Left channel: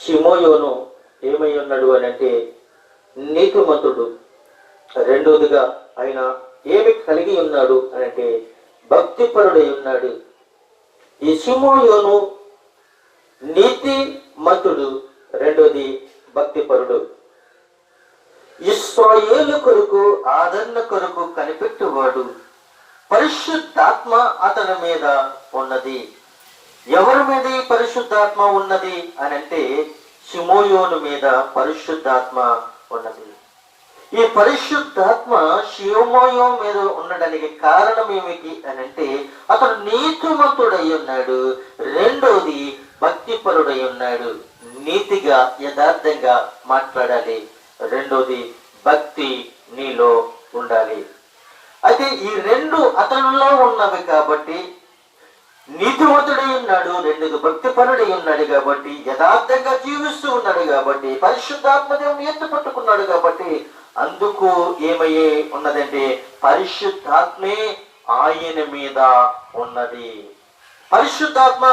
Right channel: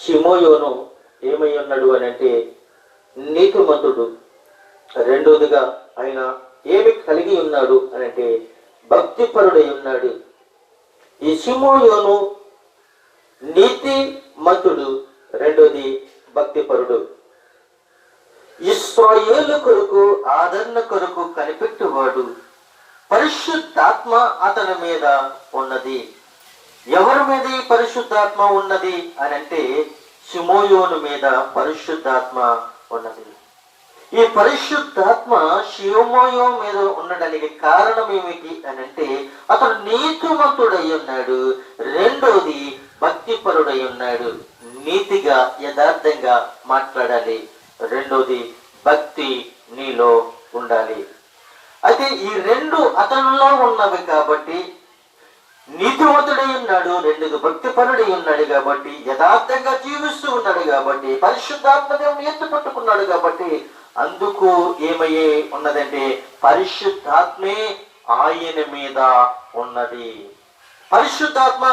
షిమోయోను ఏమై ఉన్నాడు అని అంటే నీతిమంతుడు. రెండవదిగా ఆయన ఏమి కలిగి ఉన్నాడు అని అంటే భక్తిపరుడై ఉన్నాడు. ఈ షిమోయోను నీతిమంతుడు, రెండోది భక్తిపరుడు. ఇశ్రాయేలు కొరకు ఆదరణ కొరకు కనిపెట్టువాడు. పరిశుద్ధాత్మ అతని మీద ఉన్నది. ఎవరి మీద ఈ పరిశుద్ధాత్మ ఉన్నది అని అంటే షిమోయోను మీద పరిశుద్ధాత్మ ఉన్నది. ఈ పరిశుద్ధాత్మ షిమోయోను మీద ఉండడానికి కారణం ఏమిటి అని అంటే అతడు నీతిమంతుడై ఉన్నాడు. రెండోది భక్తిపరుడై ఉన్నాడు. నీతిగా యథార్థంగా మాట్లాడాలి. రెండోది భక్తి నీలో ఉండాలి. అయితే ఈ రెండు అతనిలో ఉన్నవి కాబట్టి నీతిమంతుడై ఉన్నాడు, రెండోది భక్తిపరుడై ఉన్నాడు కాబట్టి యథార్థంగా జీవిస్తూ ఉన్నాడు కాబట్టి పరిశుద్ధాత్మ దేవుని ఎత్తు పట్టుకున్నాడు కాబట్టి అందుకు ఏమయ్యే ఉన్నదంటే పరిశుద్ధాత్మే ఆయన మీద ఉన్నది. పరిశుద్ధాత్మ